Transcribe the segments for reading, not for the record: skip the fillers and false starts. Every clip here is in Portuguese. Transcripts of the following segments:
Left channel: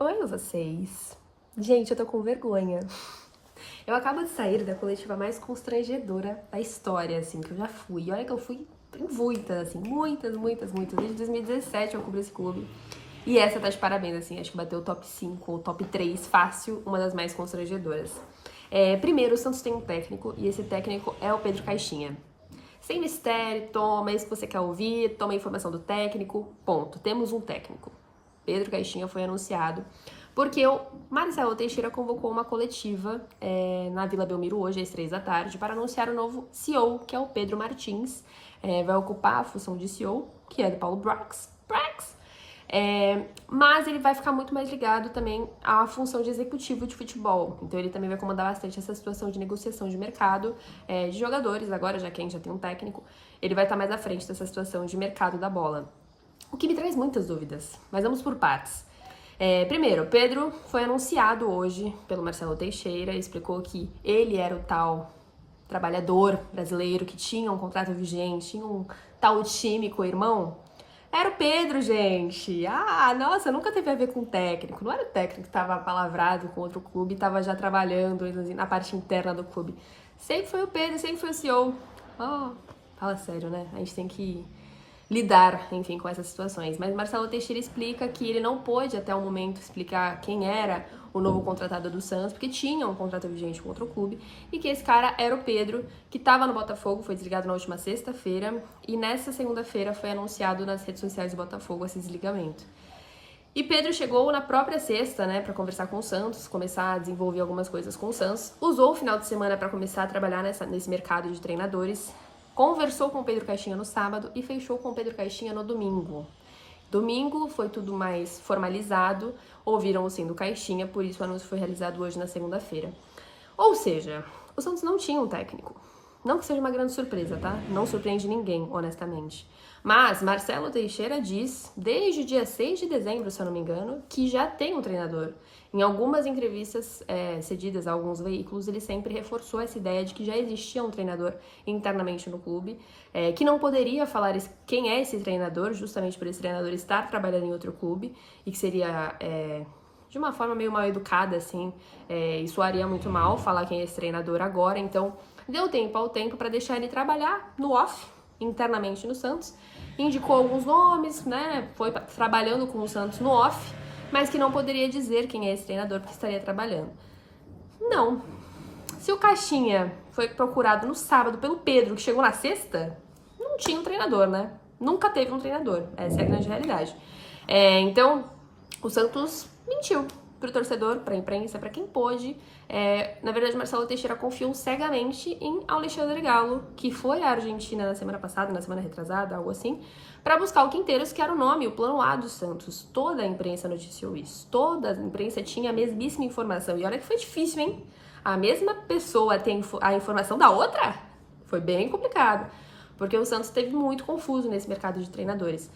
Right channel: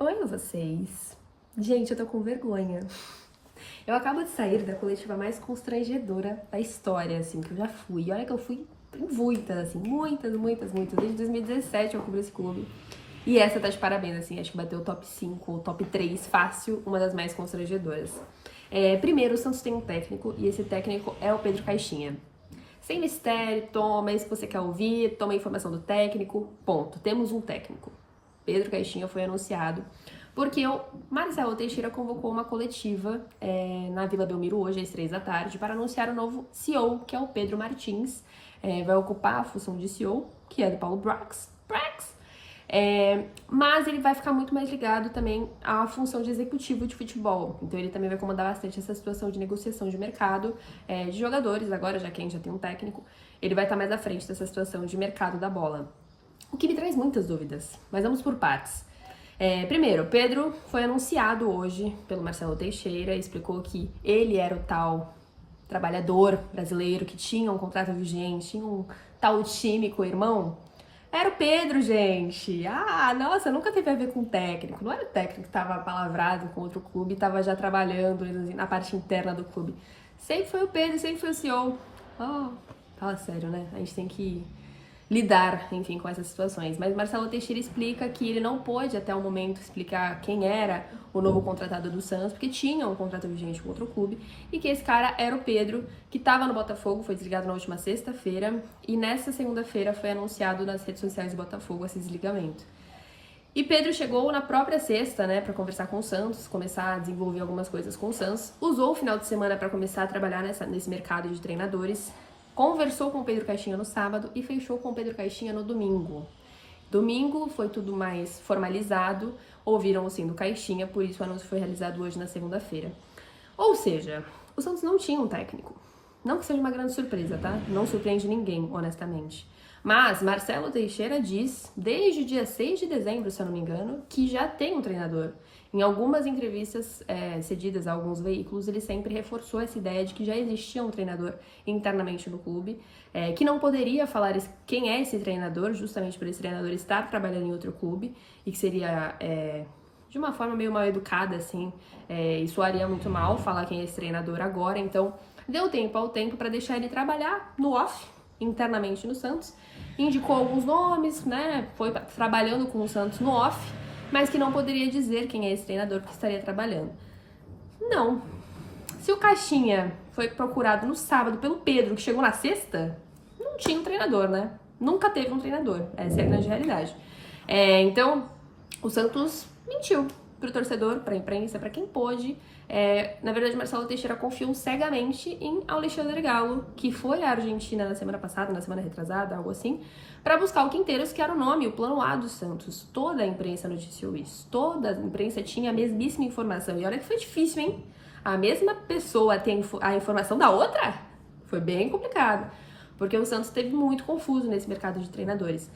Oi, vocês. Gente, eu tô com vergonha. Eu acabo de sair da coletiva mais constrangedora da história, assim, que eu já fui. E olha que eu fui em muitas, assim, muitas. Desde 2017 eu cubro esse clube. E essa tá de parabéns, assim, acho que bateu o top 5 ou top 3 fácil, uma das mais constrangedoras. Primeiro, o Santos tem um técnico, e esse técnico é o Pedro Caixinha. Sem mistério, toma isso que você quer ouvir, toma a informação do técnico, ponto. Temos um técnico. Pedro Caixinha foi anunciado porque o Marcelo Teixeira convocou uma coletiva na Vila Belmiro hoje, às 3 da tarde, para anunciar o novo CEO, que é o Pedro Martins. Vai ocupar a função de CEO, que é do Paulo Brax. Mas ele vai ficar muito mais ligado também à função de executivo de futebol. Então ele também vai comandar bastante essa situação de negociação de mercado de jogadores, agora já que a gente já tem um técnico, ele vai estar mais à frente dessa situação de mercado da bola. O que me traz muitas dúvidas, mas vamos por partes. Primeiro, Pedro foi anunciado hoje pelo Marcelo Teixeira, explicou que ele era o tal trabalhador brasileiro que tinha um contrato vigente, tinha um tal time com o irmão. Era o Pedro, gente. Nossa, nunca teve a ver com o técnico. Não era o técnico que estava palavrado com outro clube, estava já trabalhando na parte interna do clube. Sempre foi o Pedro, sempre foi o CEO. Fala sério, né? A gente tem que lidar, enfim, com essas situações. Mas Marcelo Teixeira explica que ele não pôde até o momento explicar quem era o novo contratado do Santos, porque tinha um contrato vigente com outro clube, e que esse cara era o Pedro, que estava no Botafogo, foi desligado na última sexta-feira, e nessa segunda-feira foi anunciado nas redes sociais do Botafogo esse desligamento. E Pedro chegou na própria sexta, né, para conversar com o Santos, começar a desenvolver algumas coisas com o Santos, usou o final de semana para começar a trabalhar nesse mercado de treinadores, conversou com o Pedro Caixinha no sábado e fechou com o Pedro Caixinha no domingo. Domingo foi tudo mais formalizado, ouviram o sim do Caixinha, por isso o anúncio foi realizado hoje na segunda-feira. Ou seja, o Santos não tinha um técnico. Não que seja uma grande surpresa, tá? Não surpreende ninguém, honestamente. Mas Marcelo Teixeira diz, desde o dia 6 de dezembro, se eu não me engano, que já tem um treinador. Em algumas entrevistas cedidas a alguns veículos, ele sempre reforçou essa ideia de que já existia um treinador internamente no clube, que não poderia falar quem é esse treinador, justamente por esse treinador estar trabalhando em outro clube, e que seria, de uma forma meio mal educada, assim, e soaria muito mal falar quem é esse treinador agora. Então, deu tempo ao tempo para deixar ele trabalhar no off, internamente no Santos, indicou alguns nomes, né, foi trabalhando com o Santos no off, mas que não poderia dizer quem é esse treinador que estaria trabalhando. Não. Se o Caixinha foi procurado no sábado pelo Pedro, que chegou na sexta, não tinha um treinador, né? Nunca teve um treinador. Essa é a grande realidade. Então, o Santos mentiu pro torcedor, pra imprensa, pra quem pôde. Na verdade, Marcelo Teixeira confiou cegamente em Alexandre Galo, que foi à Argentina na semana passada, na semana retrasada, algo assim, para buscar o Quinteiros, que era o nome, o plano A do Santos. Toda a imprensa noticiou isso. Toda a imprensa tinha a mesmíssima informação. E olha que foi difícil, hein? A mesma pessoa tem a informação da outra? Foi bem complicado. Porque o Santos esteve muito confuso nesse mercado de treinadores.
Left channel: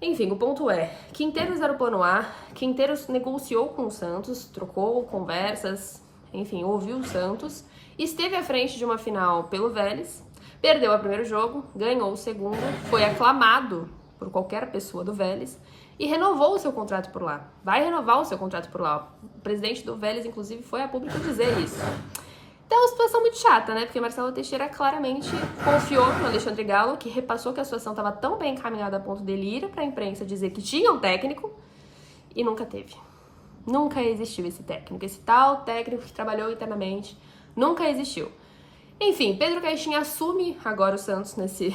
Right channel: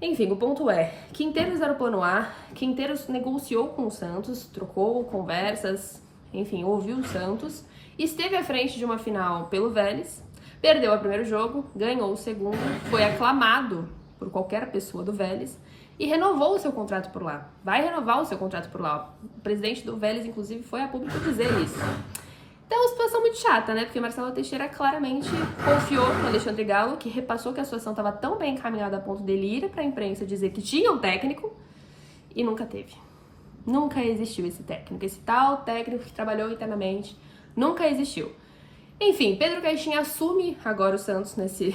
Enfim, o ponto é, Quinteiros era o plano A, Quinteiros negociou com o Santos, trocou conversas, enfim, ouviu o Santos, esteve à frente de uma final pelo Vélez, perdeu o primeiro jogo, ganhou o segundo, foi aclamado por qualquer pessoa do Vélez e renovou o seu contrato por lá. Vai renovar o seu contrato por lá. O presidente do Vélez, inclusive, foi a público dizer isso. Então é uma situação muito chata, né? Porque Marcelo Teixeira claramente confiou no Alexandre Galo, que repassou que a situação estava tão bem encaminhada a ponto dele ir para a imprensa dizer que tinha um técnico e nunca teve. Nunca existiu esse técnico. Esse tal técnico que trabalhou internamente nunca existiu. Enfim, Pedro Caixinha assume agora o Santos nesse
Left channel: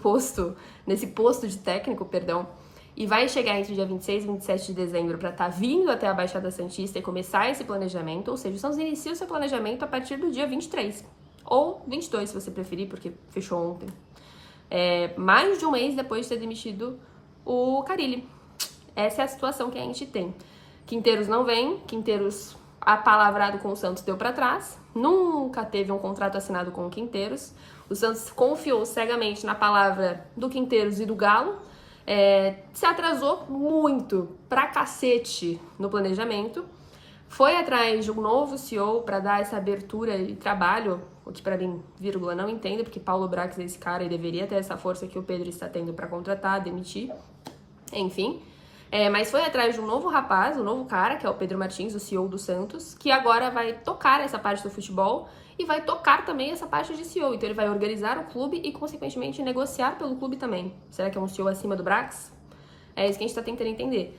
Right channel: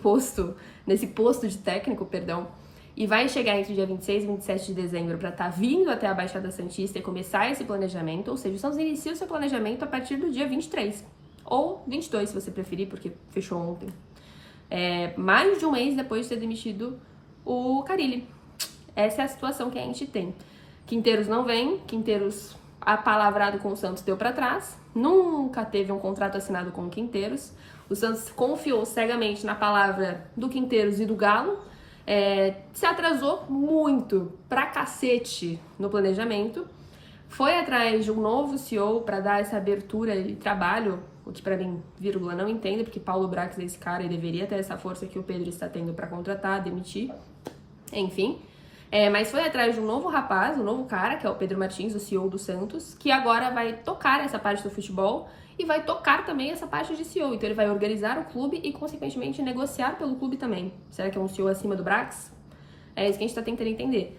posto de técnico, e vai chegar entre dia 26 e 27 de dezembro para estar vindo até a Baixada Santista e começar esse planejamento, ou seja, o Santos inicia o seu planejamento a partir do dia 23, ou 22 se você preferir, porque fechou ontem. Mais de um mês depois de ter demitido o Carille. Essa é a situação que a gente tem. Quinteiros não vem, Quinteiros apalavrado com o Santos deu para trás, nunca teve um contrato assinado com o Quinteiros, o Santos confiou cegamente na palavra do Quinteiros e do Galo, se atrasou muito, pra cacete, no planejamento, foi atrás de um novo CEO para dar essa abertura de trabalho, o que para mim, vírgula, não entendo, porque Paulo Brax é esse cara e deveria ter essa força que o Pedro está tendo para contratar, demitir, enfim. Mas foi atrás de um novo rapaz, um novo cara, que é o Pedro Martins, o CEO do Santos, que agora vai tocar essa parte do futebol e vai tocar também essa parte de CEO. Então ele vai organizar o clube e, consequentemente, negociar pelo clube também. Será que é um CEO acima do Brax? É isso que a gente está tentando entender.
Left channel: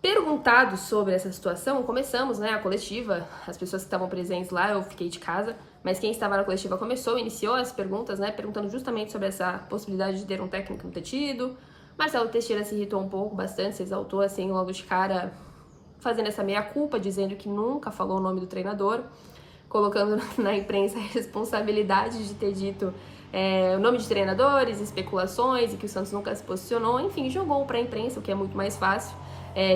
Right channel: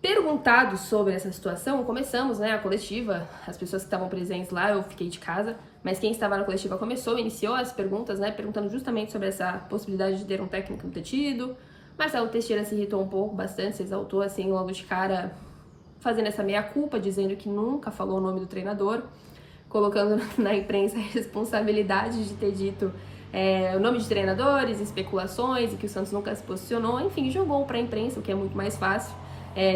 Perguntado sobre essa situação, começamos, né, a coletiva, as pessoas que estavam presentes lá, eu fiquei de casa, mas quem estava na coletiva iniciou as perguntas, né, perguntando justamente sobre essa possibilidade de ter um técnico no tido. Marcelo Teixeira se irritou um pouco, bastante, se exaltou, assim, logo de cara, fazendo essa meia-culpa, dizendo que nunca falou o nome do treinador, colocando na imprensa a responsabilidade de ter dito o nome de treinadores, especulações, e que o Santos nunca se posicionou, enfim, jogou para a imprensa, o que é muito mais fácil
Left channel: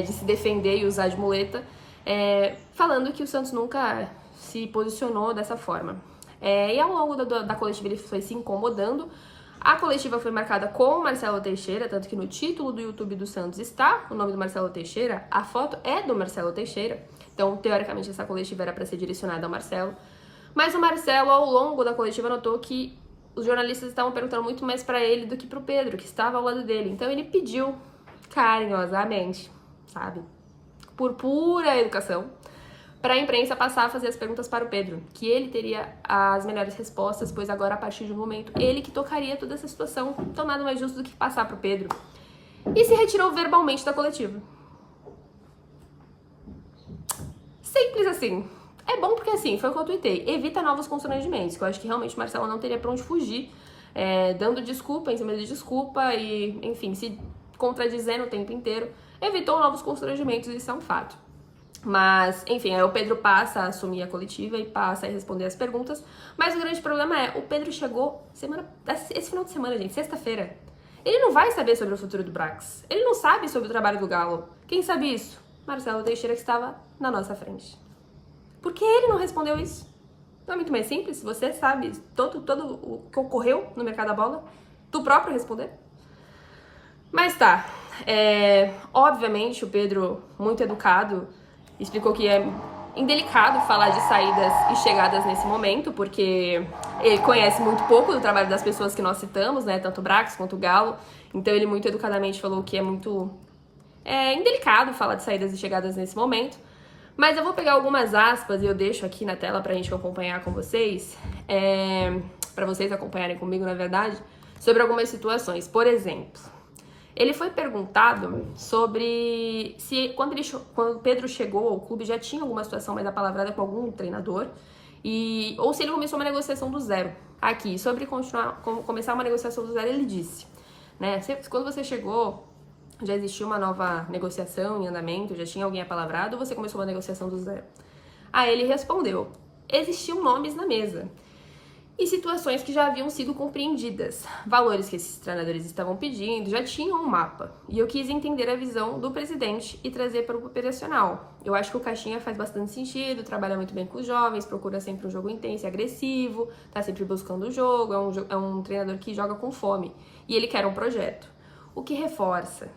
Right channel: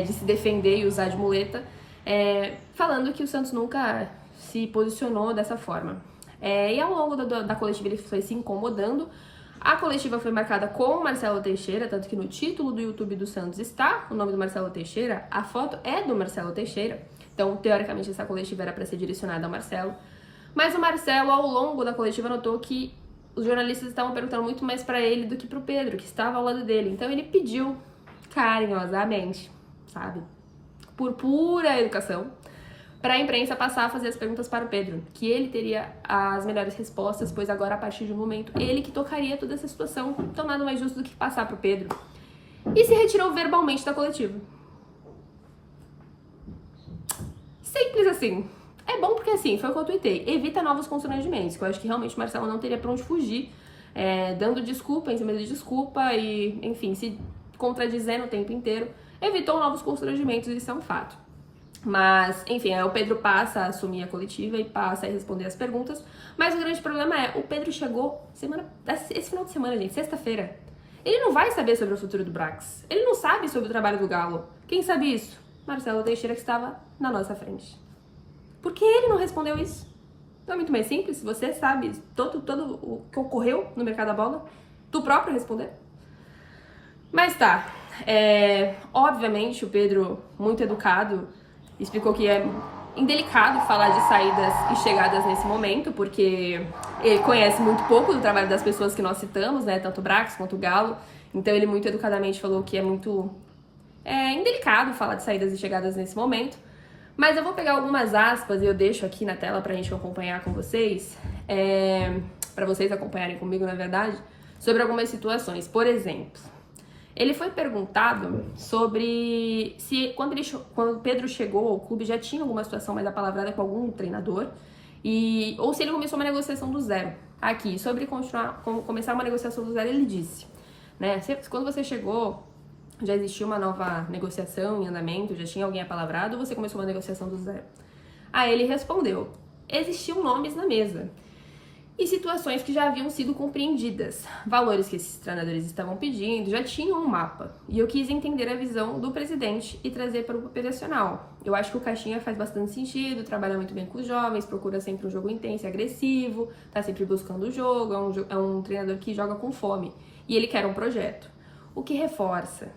de se defender e usar de muleta, falando que o Santos nunca se posicionou dessa forma. E ao longo da coletiva ele foi se incomodando. A coletiva foi marcada com Marcelo Teixeira, tanto que no título do YouTube do Santos está o nome do Marcelo Teixeira, a foto é do Marcelo Teixeira, então teoricamente essa coletiva era para ser direcionada ao Marcelo. Mas o Marcelo, ao longo da coletiva, notou que os jornalistas estavam perguntando muito mais para ele do que para o Pedro, que estava ao lado dele. Então ele pediu carinhosamente, sabe, por pura educação, para a imprensa passar a fazer as perguntas para o Pedro, que ele teria as melhores respostas, pois agora, a partir de um momento, ele que tocaria toda essa situação. Então nada mais justo do que passar para o Pedro. E se retirou verbalmente da coletiva. Simples assim. É bom porque, assim, foi o que eu tuitei. Evita novos constrangimentos, que eu acho que realmente o Marcelo não teria pra onde fugir, dando desculpa em cima de desculpa e, enfim, se contradizendo o tempo inteiro. Evitou novos constrangimentos, isso é um fato. Mas, enfim, aí o Pedro passa a assumir a coletiva e passa a responder as perguntas. Mas o grande problema é, o Pedro chegou esse final de semana, gente, sexta-feira. Ele não vai saber sobre o futuro do Brax. Ele não sabe sobre o trabalho do Galo. Quem sabe isso? Marcelo Teixeira, que estava na nossa frente. Por que ele não respondeu isso? Não é muito mais simples? Você sabe todo o que ocorreu no mercado da bola? Tu próprio responder? Mas tá. Obviamente, o Pedro, muito educado, explicou que é indelicado falar de saídas e chegadas nesse momento, porque ele conhece muito pouco do trabalho das pessoas que nós citamos, né? Tanto o Brax quanto o Galo. Então ele muito educadamente falou que é muito indelicado falar de saídas e chegadas nesse momento. Mas eu vou pegar algumas aspas e eu deixo aqui na tela pra gente acompanhar com vocês, pra vocês acompanharem comigo, na verdade, sobre algumas situações. Por exemplo, ele foi perguntado sobre se quando o Pedro chegou ao clube já tinha alguma situação mais apalavrada com algum treinador, ou se ele começou uma negociação do zero. Aqui, sobre começar uma negociação do zero, ele disse, né, quando você chegou, já existia uma nova negociação em andamento, já tinha alguém apalavrado, ou você começou uma negociação do zero? Aí ele respondeu, existiam nomes na mesa e situações que já haviam sido compreendidas, valores que esses treinadores estavam pedindo, já tinham um mapa. E eu quis entender a visão do presidente e trazer para o operacional. Eu acho que o Caixinha faz bastante sentido, trabalha muito bem com os jovens, procura sempre um jogo intenso e agressivo, tá sempre buscando o jogo, é um treinador que joga com fome. E ele quer um projeto. O que reforça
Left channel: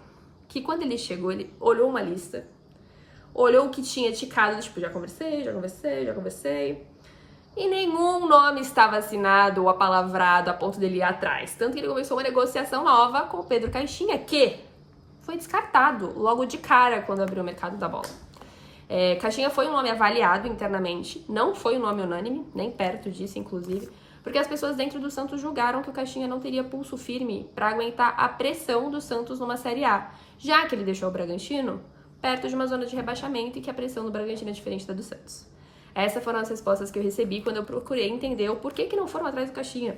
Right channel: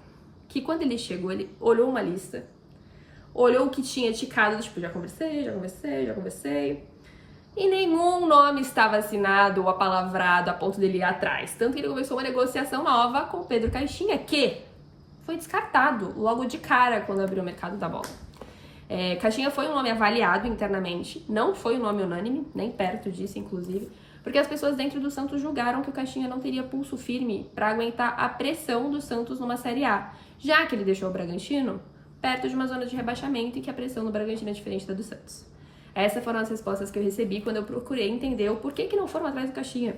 que quando ele chegou, ele olhou uma lista, olhou o que tinha ticado, tipo, já conversei, e nenhum nome estava assinado ou apalavrado a ponto dele ir atrás. Tanto que ele começou uma negociação nova com o Pedro Caixinha, que foi descartado logo de cara quando abriu o mercado da bola. Caixinha foi um nome avaliado internamente, não foi um nome unânime, nem perto disso, inclusive, porque as pessoas dentro do Santos julgaram que o Caixinha não teria pulso firme para aguentar a pressão do Santos numa Série A, já que ele deixou o Bragantino perto de uma zona de rebaixamento e que a pressão no Bragantino é diferente da do Santos. Essas foram as respostas que eu recebi quando eu procurei entender o porquê que não foram atrás do Caixinha.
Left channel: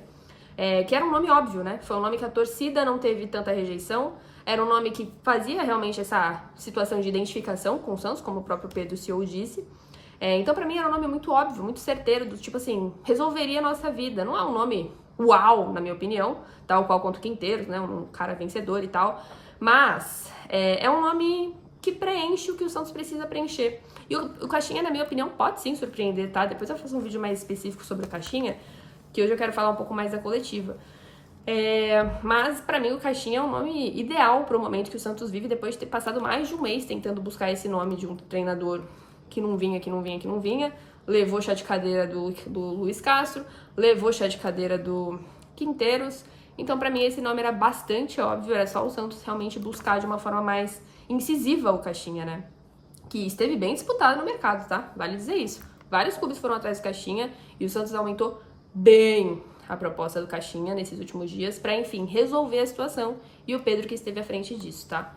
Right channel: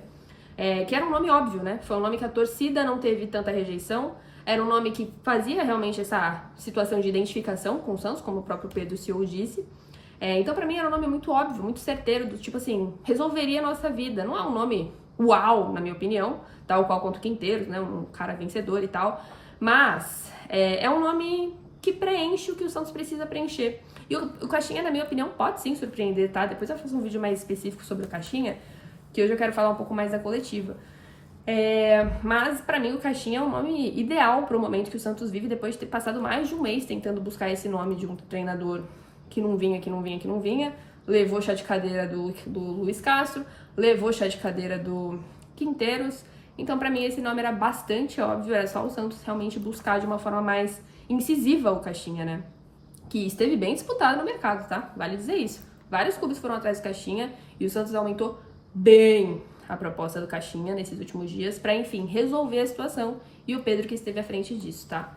Que era um nome óbvio, né? Foi um nome que a torcida não teve tanta rejeição, era um nome que fazia realmente essa situação de identificação com o Santos, como o próprio Pedro CEO disse. Então, pra mim, era um nome muito óbvio, muito certeiro, do tipo assim, resolveria a nossa vida. Não é um nome uau, na minha opinião, tal qual quanto Quinteiros, né? Um cara vencedor e tal. Mas é um nome que preenche o que o Santos precisa preencher. E o Caixinha, na minha opinião, pode sim surpreender, tá? Depois eu faço um vídeo mais específico sobre o Caixinha, que hoje eu quero falar um pouco mais da coletiva. Mas pra mim o Caixinha é um nome ideal pro momento que o Santos vive, depois de ter passado mais de um mês tentando buscar esse nome de um treinador que não vinha. Levou chá de cadeira do Luiz Castro, levou chá de cadeira do Quinteiros. Então, pra mim, esse nome era bastante óbvio, era só o Santos realmente buscar de uma forma mais incisiva ao Caixinha, né? Que esteve bem disputado no mercado, tá? Vale dizer isso. Vários clubes foram atrás do Caixinha e o Santos aumentou bem a proposta do Caixinha nesses últimos dias para, enfim, resolver a situação, e o Pedro que esteve à frente disso, tá?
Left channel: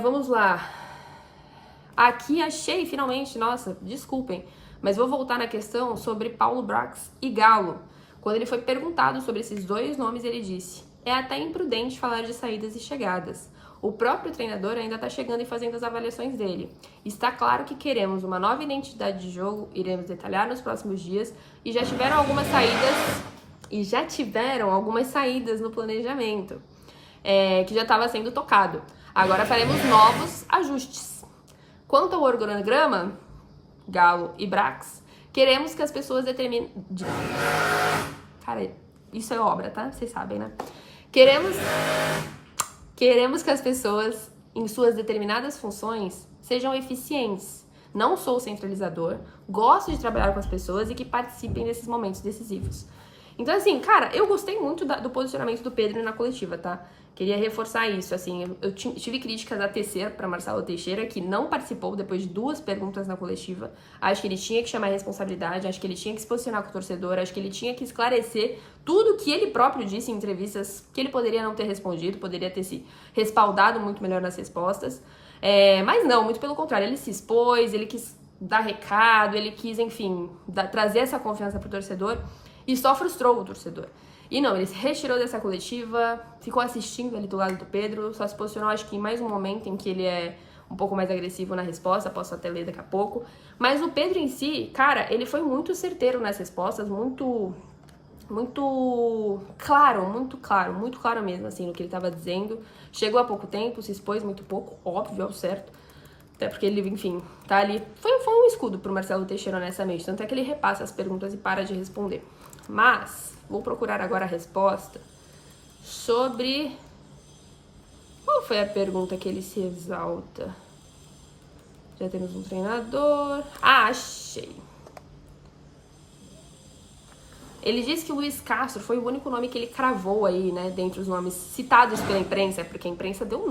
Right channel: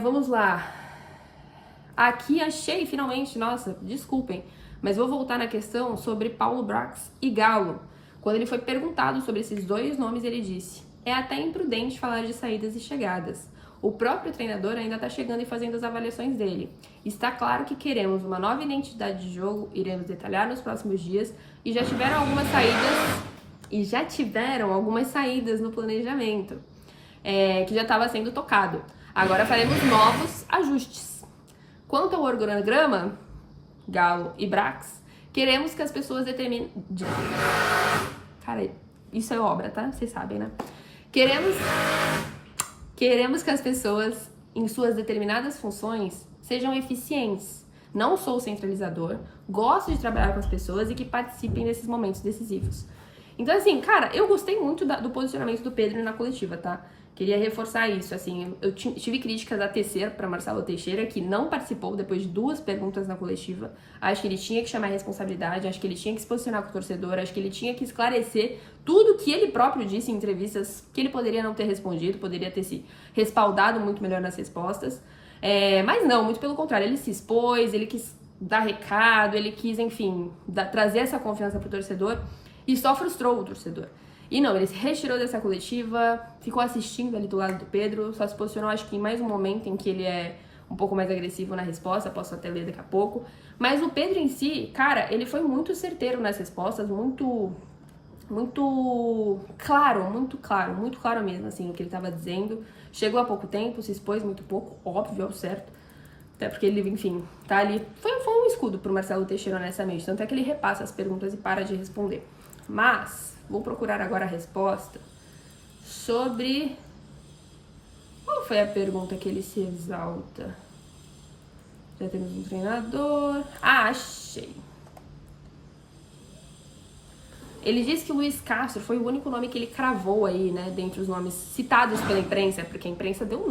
Vamos lá. Aqui achei, finalmente, nossa, desculpem, mas vou voltar na questão sobre Paulo Brax e Galo. Quando ele foi perguntado sobre esses dois nomes, ele disse: é até imprudente falar de saídas e chegadas. O próprio treinador ainda está chegando e fazendo as avaliações dele. Está claro que queremos uma nova identidade de jogo, iremos detalhar nos próximos dias, e já tiveram algumas saídas no planejamento, que já estava sendo tocado. Agora faremos novos ajustes. Quanto ao organograma, Galo e Brax, queremos que as pessoas determinem... Cara, isso é obra, tá? Vocês sabem, né? Queremos que as pessoas, em suas determinadas funções, sejam eficientes. Não sou centralizador, gosto de trabalhar com as pessoas e que participem desses momentos decisivos. Então, assim, cara, eu gostei muito do posicionamento do Pedro na coletiva, tá? Queria reforçar isso, assim, eu tive críticas a tecer para Marcelo Teixeira, que não participou depois de 2 perguntas na coletiva. Acho que ele tinha que chamar a responsabilidade, acho que ele tinha que se posicionar com o torcedor, acho que ele tinha que esclarecer tudo que ele próprio disse em entrevistas, que ele poderia não ter respondido, poderia ter se respaldado muito melhor nas respostas. Mas não, muito pelo contrário, ele se expôs, ele quis dar recado, ele quis, enfim, trazer essa confiança pro torcedor e só frustrou o torcedor. E não, ele se retirou dessa coletiva, ficou assistindo ali do lado do Pedro, só se posicionou, acho que em mais um momento em que ele é um pouco mais agressivo na resposta, posso até ler daqui a pouco. Mas o Pedro em si, cara, ele foi muito certeiro nas respostas, muito claro mesmo, assim, no que ele estava dizendo. Chegou há pouco tempo, se expôs muito pouco, óbvio, é o certo. Até porque ele, enfim, tá ali. Foi um escudo pro Marcelo Teixeira, honestamente. Tanto é que ele repassa as perguntas e para de responder. Mas, vou procurar agora a resposta sobre... Qual foi a pergunta que ele se exalta? Já temos um treinador... Ah, achei. Ele disse que o Luiz Castro foi o único nome que ele cravou aí, né, dentre os nomes citados pela imprensa, porque a imprensa deu,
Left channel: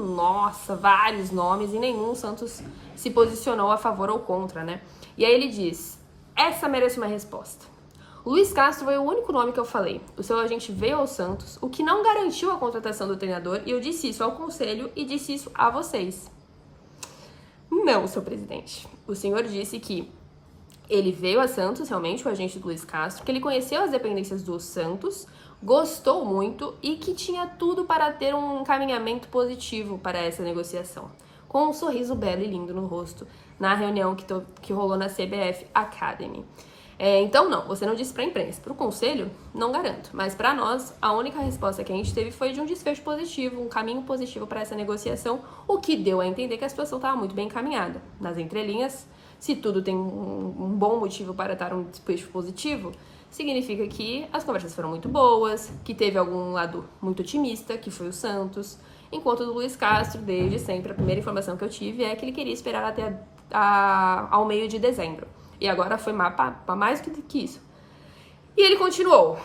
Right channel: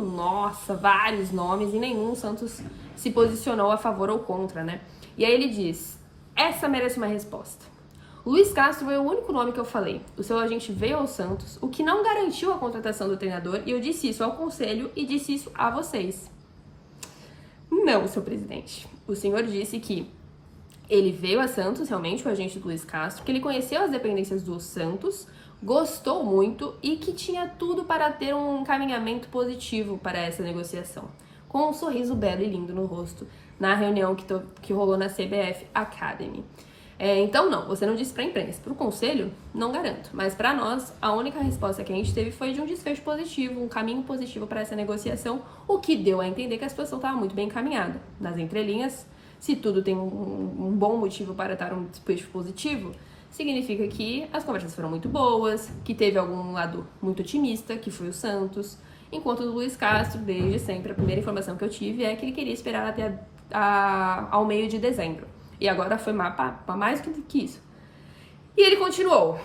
vários nomes e nenhum Santos se posicionou a favor ou contra, né? E aí ele diz: essa merece uma resposta. O Luiz Castro foi o único nome que eu falei. O seu agente veio ao Santos, o que não garantiu a contratação do treinador, e eu disse isso ao conselho e disse isso a vocês. Não, seu presidente. O senhor disse que ele veio a Santos, realmente, o agente do Luiz Castro, que ele conheceu as dependências do Santos, gostou muito e que tinha tudo para ter um encaminhamento positivo para essa negociação, com um sorriso belo e lindo no rosto, na reunião que rolou na CBF Academy. Então, não, você não disse para a imprensa. Para o conselho, não garanto. Mas para nós, a única resposta que a gente teve foi de um desfecho positivo, um caminho positivo para essa negociação, o que deu a entender que a situação estava muito bem encaminhada. Nas entrelinhas, se tudo tem um bom motivo para dar um desfecho positivo, significa que as conversas foram muito boas, que teve algum lado muito otimista, que foi o Santos, enquanto o Luiz Castro, desde sempre, a primeira informação que eu tive é que ele queria esperar até ao meio de dezembro. E agora foi para mais do que isso. E ele continuou.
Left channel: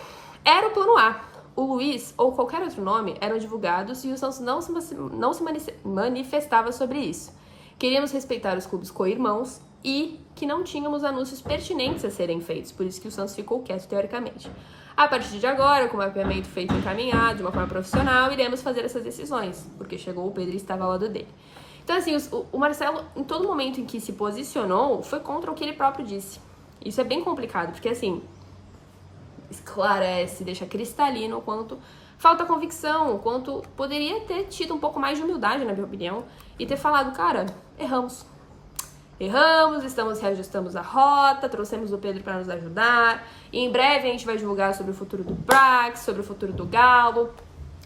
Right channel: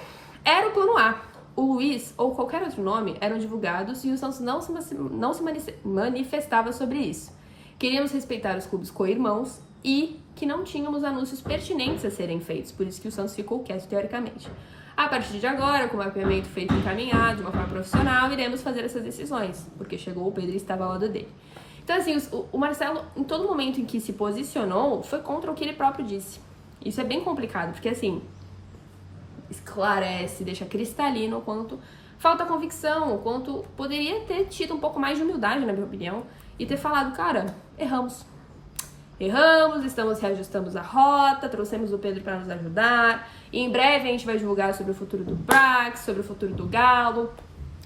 Era o plano A. O Luiz ou qualquer outro nome eram divulgados e o Santos não se manifestava sobre isso. Queríamos respeitar os clubes co-irmãos e que não tínhamos anúncios pertinentes a serem feitos, por isso que o Santos ficou quieto teoricamente. A partir de agora, com o mapeamento feito e encaminhado de uma forma profissional, iremos fazer essas decisões, porque chegou o Pedro e estava ao lado dele. Então, assim, o Marcelo, em todo momento em que se posicionou, foi contra o que ele próprio disse. Isso é bem complicado, porque, assim, esclarece, deixa cristalino o quanto falta convicção, o quanto poderia ter tido um pouco mais de humildade, na minha opinião, e ter falado, cara, erramos, reajustamos a rota, trouxemos o Pedro para nos ajudar, e em breve a gente vai divulgar sobre o futuro do Brax, sobre o futuro do Galo.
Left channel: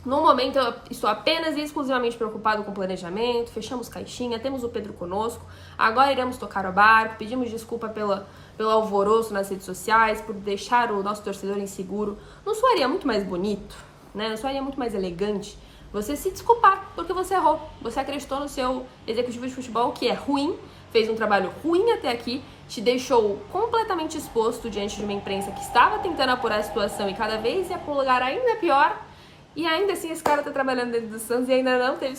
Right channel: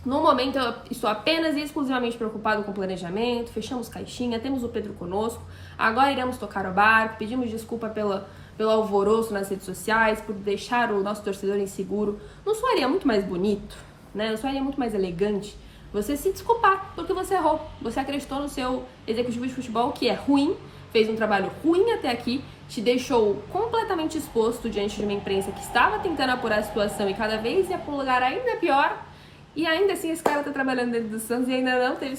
No momento, eu estou apenas e exclusivamente preocupado com o planejamento, fechamos caixinha, temos o Pedro conosco, agora iremos tocar o barco, pedimos desculpa pelo alvoroço nas redes sociais, por deixar o nosso torcedor inseguro. Não soaria muito mais bonito, né? Não soaria muito mais elegante você se desculpar porque você errou, você acreditou no seu executivo de futebol, que é ruim, fez um trabalho ruim até aqui, te deixou completamente exposto diante de uma imprensa que estava tentando apurar a situação e cada vez ia pro lugar ainda pior. E ainda assim esse cara tá trabalhando dentro do Santos e ainda não teve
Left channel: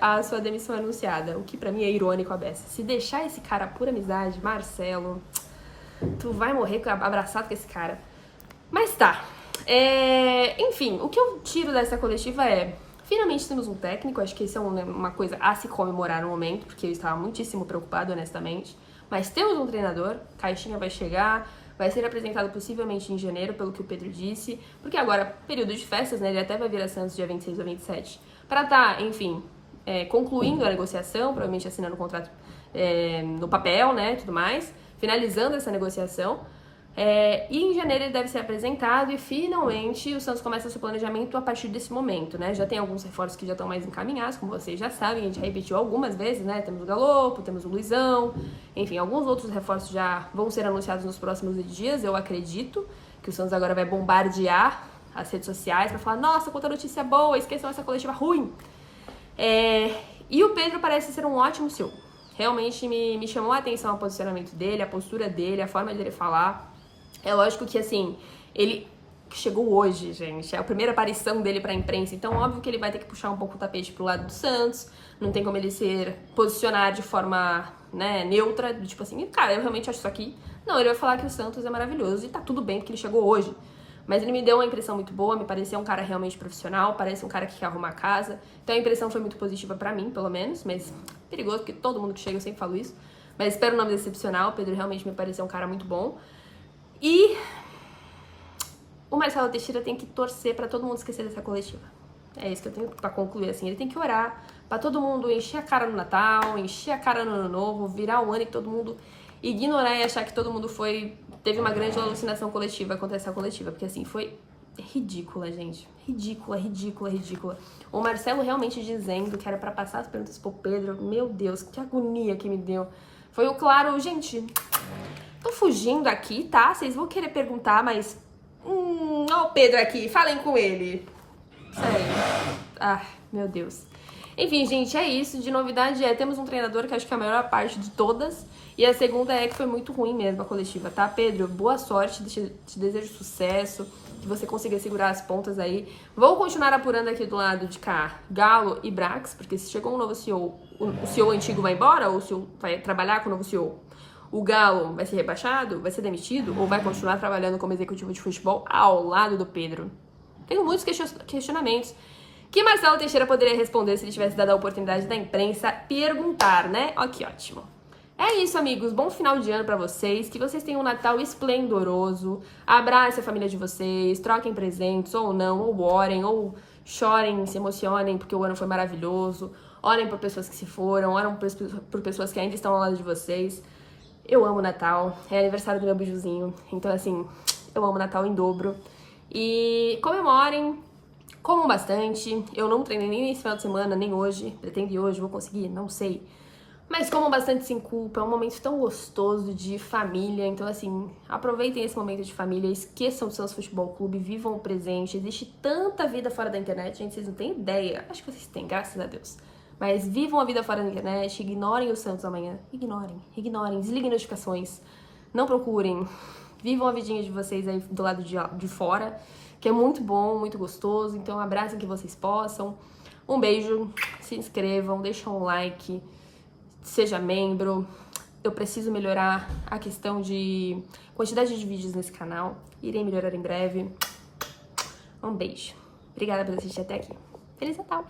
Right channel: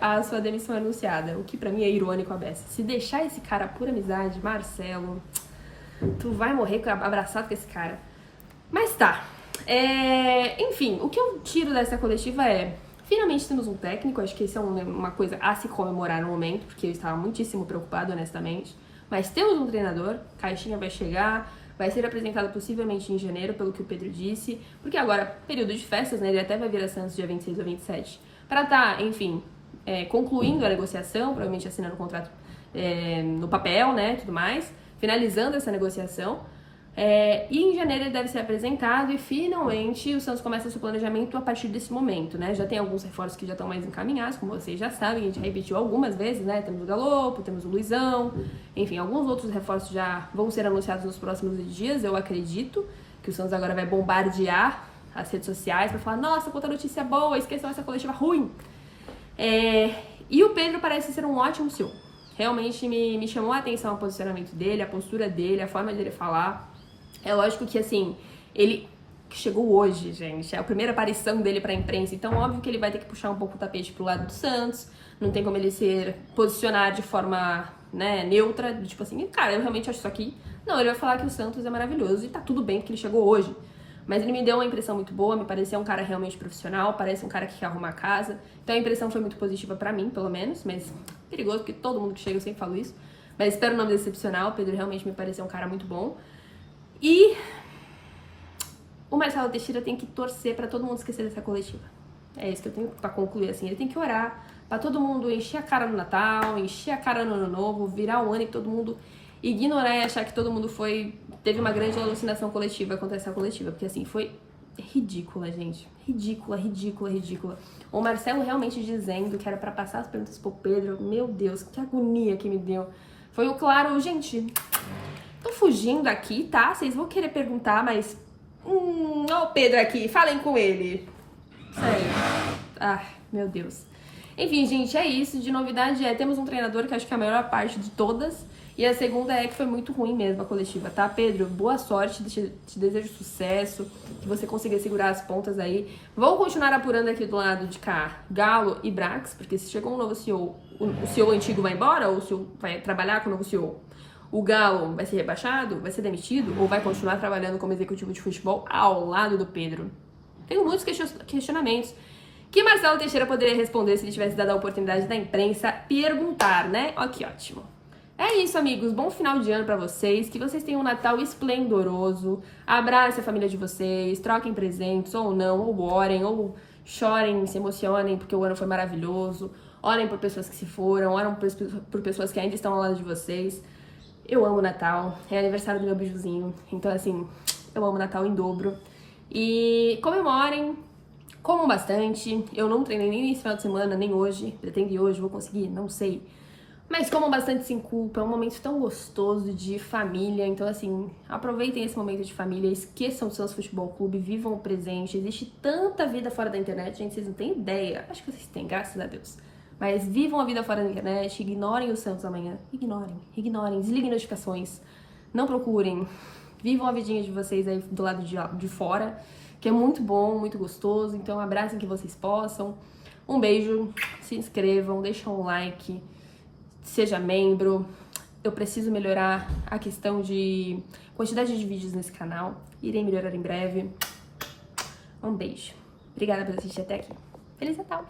a sua demissão anunciada. O que pra mim é irônico a beça. Se deixar esse cara por amizade, Marcelo, tu vai morrer abraçado com esse cara. Mas tá. Enfim, o que eu tiro dessa coletiva é... Finalmente temos um técnico, acho que isso é uma coisa a se comemorar no momento, porque eu estava muitíssimo preocupado, honestamente. Mas temos um treinador, Caixinha vai chegar, vai ser apresentado possivelmente em janeiro, pelo que o Pedro disse, porque agora, período de festas, né, ele até vai vir a Santos dia 26 ou 27, para estar, enfim, concluindo a negociação, provavelmente assinando o contrato no papel, né, tudo mais, finalizando essa negociação. E em janeiro ele deve ser apresentado e finalmente o Santos começa seu planejamento a partir desse momento, né? Já tem alguns reforços que já estão mais encaminhados, como vocês já sabem, a gente repetiu algumas vezes, né? Temos o Galopo, temos o Luizão, enfim, alguns outros reforços já vão ser anunciados nos próximos dias, eu acredito que o Santos agora vai bombardear as redes sociais para falar, nossa, quanta notícia boa, esqueçam essa coletiva ruim. E o Pedro parece ser um ótimo CEO. Realmente me chamou a atenção o posicionamento dele, a postura dele, a forma dele falar. É lógico que, assim, ele chegou hoje, gente, é a primeira aparição dele pra imprensa, então óbvio que ele vai ter que puxar um pouco o tapete pro lado do Santos, não tem como ele posicionar de forma, né, neutra, tipo assim, cara, eu realmente acho isso aqui. Não, ele vai falar que o Santos é maravilhoso e tá tudo bem porque ele chegou hoje. Mas ele me deu uma impressão muito boa, me pareceu um cara realmente profissional, parece um cara que quer arrumar a casa, então a impressão foi muito positiva pra mim, pelo menos, mas perigoso porque todo mundo que chega eu sempre falo isso, mas espero não me decepcionar, o Pedro realmente me pareceu um cara muito bom. E o Marcelo Teixeira tem que torcer pra todo mundo esquecer dessa coletiva. É isso que eu tenho pra concluir, assim. Ele tem que orar pra todo mundo encher a cara no Natal, encher a cara no Ano Novo, virar o ano e todo mundo ignorar e achar que todo mundo teve uma grande alucinação coletiva contra essa coletiva. Porque, assim, foi ridícula, gente. Ridícula, ridícula, ridícula. O Marcelo realmente dizendo que era pra passar as perguntas pro Pedro. Meu Deus, que agonia que me deu. Foi o claro, gente... Tô fugindo aqui, tá? Vocês vão querer perguntar, mas... ó o Pedro aqui, falem com ele. Sério. Ah, meu Deus. Enfim, gente, é isso. De novidade temos um treinador que acho que é a maior parte de todas. E a segunda é que foi muito ruim mesmo a coletiva, tá? Pedro, boa sorte, te desejo sucesso, que você consiga segurar as pontas aí. Vou continuar apurando aqui do lado de cá Galo e Brax, porque se chegou um novo CEO, o CEO antigo vai embora ou o CEO vai trabalhar com o novo CEO? O Galo vai ser rebaixado? Vai ser demitido? Ou vai continuar trabalhando como executivo de futebol ao lado do Pedro? Tenho muitos questionamentos que Marcelo Teixeira poderia responder se ele tivesse dado a oportunidade da imprensa perguntar, né? Ó, que ótimo. É isso, amigos. Bom final de ano pra vocês. Que vocês tenham um Natal esplendoroso. Abracem a família de vocês. Troquem presentes ou não. Ou orem, ou chorem, se emocionem porque o ano foi maravilhoso. Orem por pessoas que se foram. Orem por pessoas que ainda estão ao lado de vocês. Eu amo Natal, é aniversário do meu bijuzinho, então assim, eu amo Natal em dobro. E comemorem, comam bastante, eu não treinei nem nesse final de semana, nem hoje, pretendo ir hoje, vou conseguir, não sei. Mas comam bastante sem culpa, é um momento tão gostoso de família, então assim, aproveitem esse momento de família, esqueçam do Santos Futebol Clube, vivam o presente, existe tanta vida fora da internet, gente, vocês não têm ideia, acho que vocês têm, graças a Deus. Mas vivam a vida fora da internet, ignorem o Santos amanhã. Ignorem, desliguem notificações. Não procurem. Vivam a vidinha de vocês aí do lado de fora, que é muito bom, muito gostoso. Então abracem que vocês possam. Um beijo, se inscrevam, deixem um like, seja membro. Eu preciso melhorar a questão de quantidade de vídeos nesse canal. Irei melhorar em breve. Um beijo. Obrigada por assistir até aqui. Feliz Natal!